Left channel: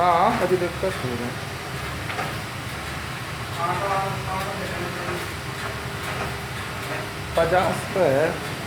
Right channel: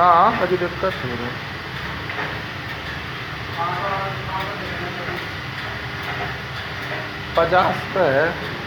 ना अभी दिक्कत हो रहा है। 50 पे है।